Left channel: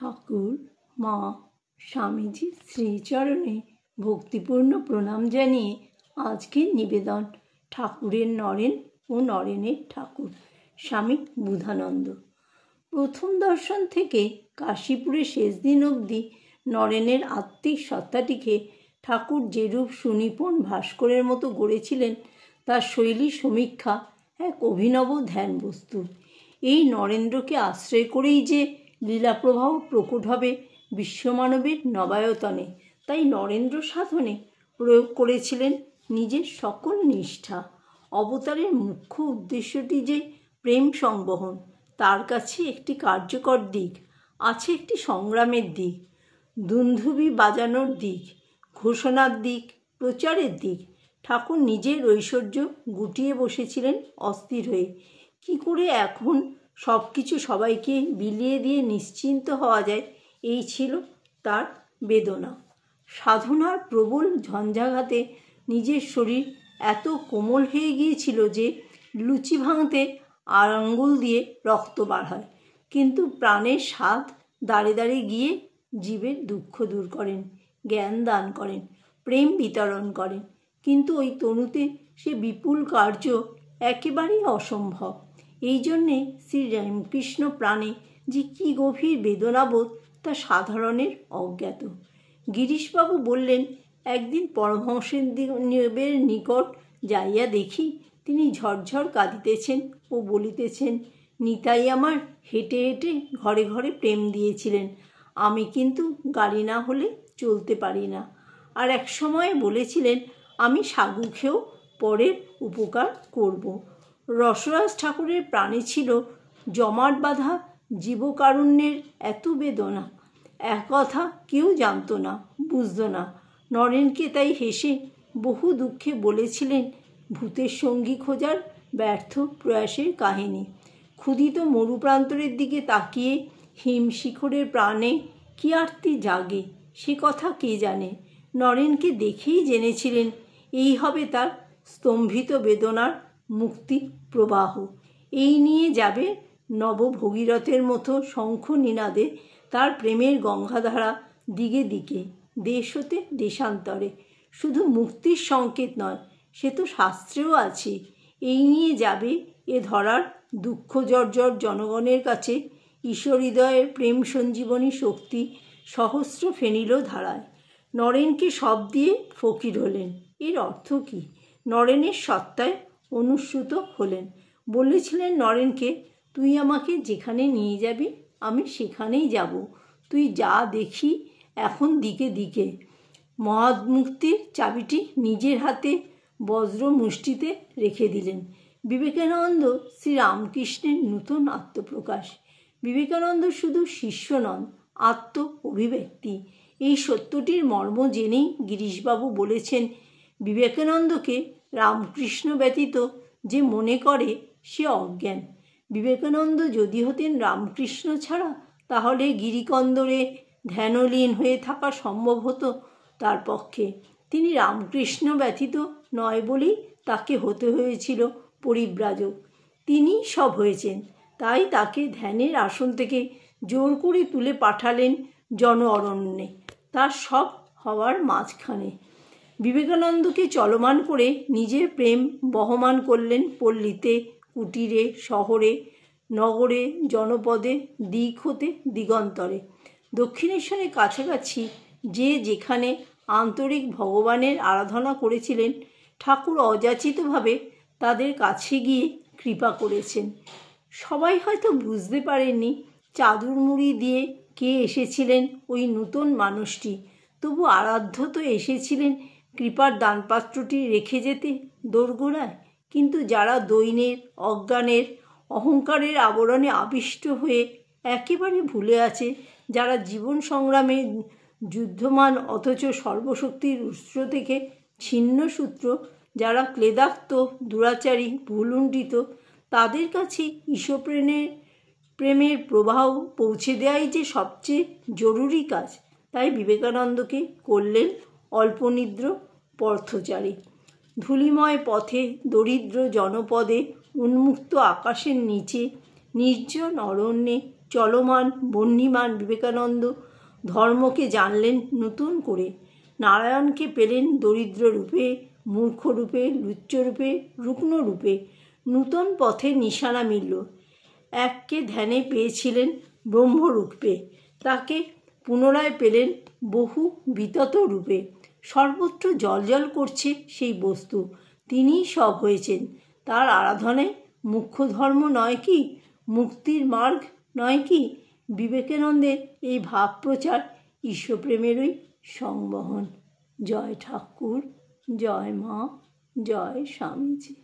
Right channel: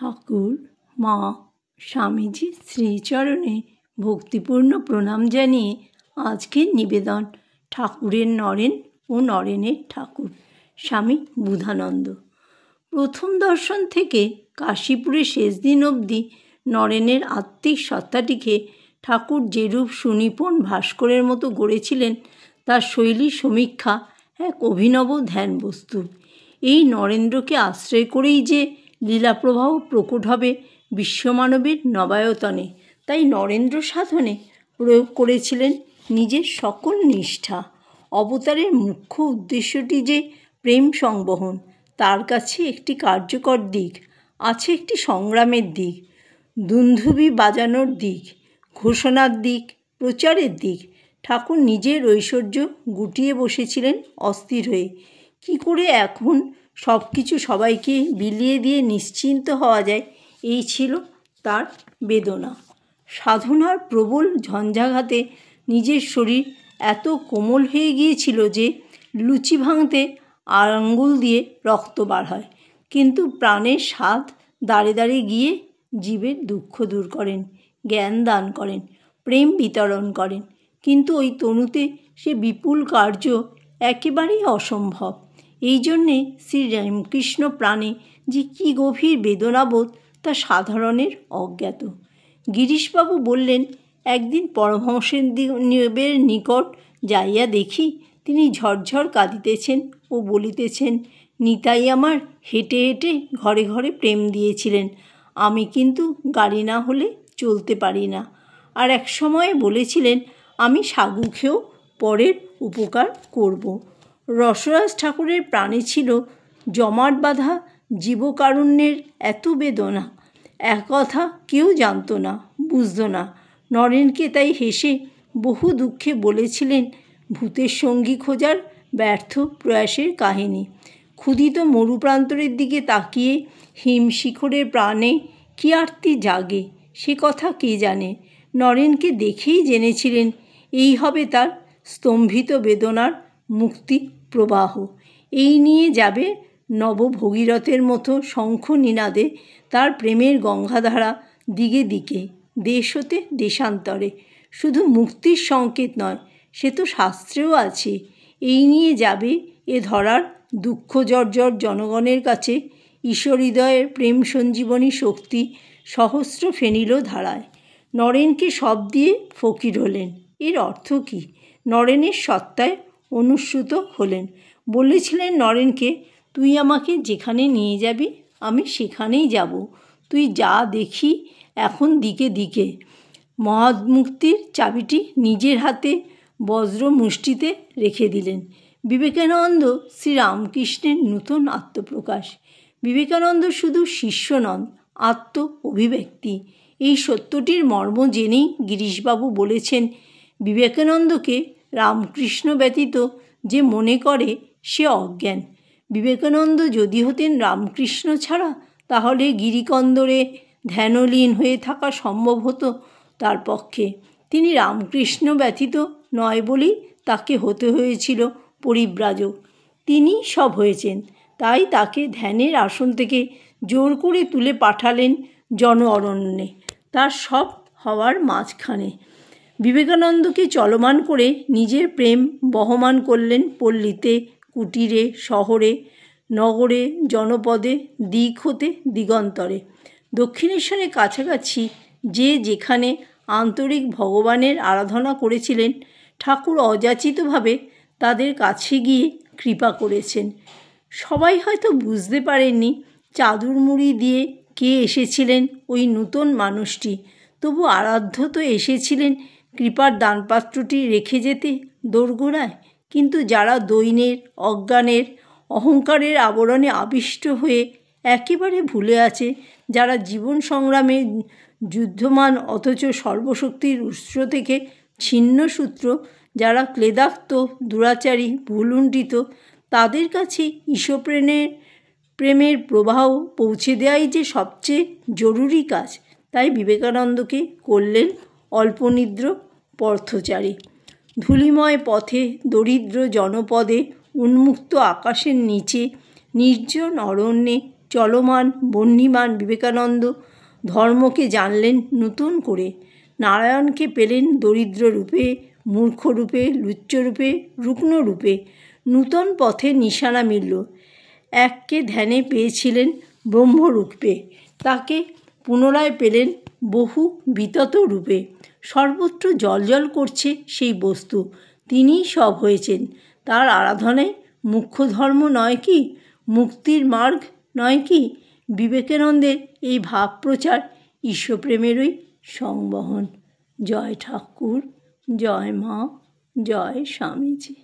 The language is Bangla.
ঠাকুর মা স্বামীজির শ্রীচরণে ভক্তিপূর্ণ প্রণাম জানিয়ে আজকের নিবেদন ঠাকুরের নরেন ও নরেনের ঠাকুর স্বামী বুধানন্দ। প্রথম দর্শন থেকে কাশীপুরে শেষ দিন অবধি নরেনের আত্মিক সত্তাটিকে ঠাকুর যেরূপ সুনিপুণ ভাস্করের মতো গড়েছিলেন তার শৈলী সমীক্ষা এক অভিনব ধ্যান বস্তু। এই নরেন্দ্রকে আশ্রয় করেই যে লীলাপ্রবাহ প্রকট হবে বিশ্বমানবের নবায়তনে, তাই নরেন্দ্র সাধনে প্রয়োগ করেছিলেন নিজের সকল নিষ্ঠা। অবতারের মুখ্য উদ্দেশ্যটি যে প্রেম সংবহন, তার কাছে একটি কার্যকর দিক আছে, একটি সংগ্রামের দিক, দুন্ধুবি বাজানোর দিক, ঘোষণার দিক, প্রচারের দিক। ঠাকুর নিজের ঐশ্বর্য গুটিয়ে বসেছিলেন অস্থির হয়ে। কি করে এখন সব কিছু সবাইকে বিলিয়ে দিয়ে নিশ্চিন্ত হওয়া যায়, এই ছিল তার বেদনা। সাধনার প্রবল ঝঞ্ঝাঘাতে নিজের শরীর এত কোমল হয়ে গিয়েছিল যে লুচি ভাঙতে আঙ্গুল দিয়ে রক্ত বার হয়, কিন্তু প্রাণের স্বাদ দাঁড়ে দাঁড়ে গিয়ে জীবের দুঃখ দূর করেন, জ্ঞান দান করেন, প্রেম বিতরণ করেন। কিন্তু ওই তনুতে সে বিপুল কার্য একেবারেই অসম্ভব। এই জন্যে শ্রীরামকৃষ্ণ প্রাণে যে কী গভীর বেদনাবোধ তা সাধারণের অজ্ঞাত। গিরিশবাবু বললেন, একদিন পরমহংসদেবের নিকট যাইয়া দেখি তিনি ঝরঝর কাঁদিতেছেন ও বলিতেছেন, নিতাই আমার হেঁটে হেঁটে ঘরে ঘরে প্রেম দিয়েছিলেন, আমি কিন্তু গাড়ি না হলে চলতে পারি না। আর এক সময় বলেছিলেন, আমি সাগু খেয়েও পরের উপকার করব। রসরাজ ঠাকুরের প্রাণে ছিল জমাট বাঁধা জীবকারুণ্যের এত বেদনা, এক কথা কেউ জানত না, বুঝত না। নরেনকে তাই হেসে বহু দুঃখে বলেছিলেন ভূতের সঙ্গী খোঁজার ব্যর্থ প্রয়াসের কাহিনী। ক্ষুধিত মরুপ্রান্তরের দিকে তাকিয়ে হিমশিখরের প্রাণে কী আরতি জাগে সে কথা কে জানে। নরেনকে দেখেই জেনেছিলেন এই হবে তার স্তম্ভিত বেদনার মুক্তি প্রবাহ। এই নিয়ে যাবে নবভগীরথের মতো শঙ্খ নিনাদে তার প্রেমের গঙ্গাধারা দিকে দিকে, দেশ হতে দেশান্তরে। শুধু মুক্তির সংকেত নয়, সে তো শাস্ত্রেও আছে। এই নিয়ে যাবে এ ধরার দুঃখ জর্জর জনগণের কাছে ঈশ্বর হৃদয়ের প্রেম সঞ্জীবনী শক্তি সহস্র ফেনিল ধারায়। নরেনকে সব দিয়ে ফকির হলেন, এর অর্থ কী? নরেনের সত্তায় অনুস্যূত হলেন। বলেছিলেন নরেনকে, তুই আমাকে যেখানে নিয়ে যাবি আমি সেখানেই যাব, তুই যা দেখি এখন দিকে দিকে। মহামুক্তির চাবিটি নিজের হাতে বজ্র মুষ্টিতে রেখে দিলেন। বিবেকানন্দ শ্রীরামকৃষ্ণের নূতন আত্মপ্রকাশ। বিবেকানন্দ শুধু শিষ্য নন, আত্ম অভিব্যক্তি। এই সত্যটির মর্ম জেনেই গিরিশবাবু বলেছেন, বিবেকানন্দকে রামকৃষ্ণ ব্যতীত যে মনে করে সে অজ্ঞান। বিবেকানন্দ যদি হতেন রামকৃষ্ণ ছাড়া, তাহলে গিরিকন্দরে ধ্যানলীন হয়ে থাকা সম্ভব হতো তার পক্ষে। তিনি রামকৃষ্ণ ব্যতীত নয় বলেই তাকে হতে হয়েছিল পরিব্রাজক। তিনি সব হয়েছেন, তাই তাকে ধ্যানের আসন থেকে জোর করে তুলে পাঠালেন জন অরণ্যে, তার সব হওয়ার মাঝখানে। বিবেকানন্দকে চলমান করে নিজের প্রেম বহমান করলেন পল্লীতে, কুটিরে, শহরে, নগরে, জনপদে, দিক হতে দিগন্তরে। দক্ষিণেশ্বরের কাছাকাছি যে যেখানে আন্তরিক ভগবানের আরাধনা করেছিলেন, ঠাকুর অযাচিতভাবে তাদের কাছে গিয়ে কৃপা করেছেন। সবাই হয়তো বুঝতে পারেননি চাদর মুড়ি দিয়ে কে এসেছিলেন ওই নূতন মানুষটি, তবু আরাধ্য তো এসেছিলেন কৃপার দানপাত্রটি রেখে যেতে দোরগোড়ায়। কিন্তু যারা দৈন্যের, অজ্ঞানের, অহংকারের আবরণে আবিষ্ট হয়ে একেবারে ভুলে আছে, যারা জীবন সংগ্রামে যুদ্ধমান অথচ সর্বশক্তির উৎস থেকে ছিন্ন সূত্র, যারা ক্লেদাক্ত, দুরাচারী, ভুলুণ্ঠিত, তাদের কাছে প্রেমের প্রবাহ পৌঁছে দেওয়াই যে সবচেয়ে জরুরি কাজ। তাই বিবেকানন্দকে করলেন অল্পনিদ্র পথচারী। ধূলিময় পথে, দরিদ্র জনপদে, উন্মুক্ত আকাশের নিচে, নির্জন অরণ্যে চলমান বহ্নিমান বিবেকানন্দ ধর্মকে জানলেন নতুন করে। নারায়ণকে পেলেন দরিদ্র রূপে, মূর্খ রূপে, লুচ্চ রূপে, রুগ্ন রূপে। নূতন পথের নিশানা মিলল। এককে ধ্যানে পেয়েছিলেন ব্রহ্মরূপে, তাকে পুনরায় পেলেন বহু বিতত রূপে। সর্বত্র জ্বলজ্বল করছে সেই বস্তু, তিনিই সব হয়েছেন। তার আরাধনায় মুখ্য ধর্ম নয় কি, মুক্তির মার্গ নয় কি? বিবেকানন্দের এই ভাব প্রচার ঈশ্বরপ্রেমেরই সংবহন। জয় ঠাকুর, জয় মা, জয় স্বামীজি।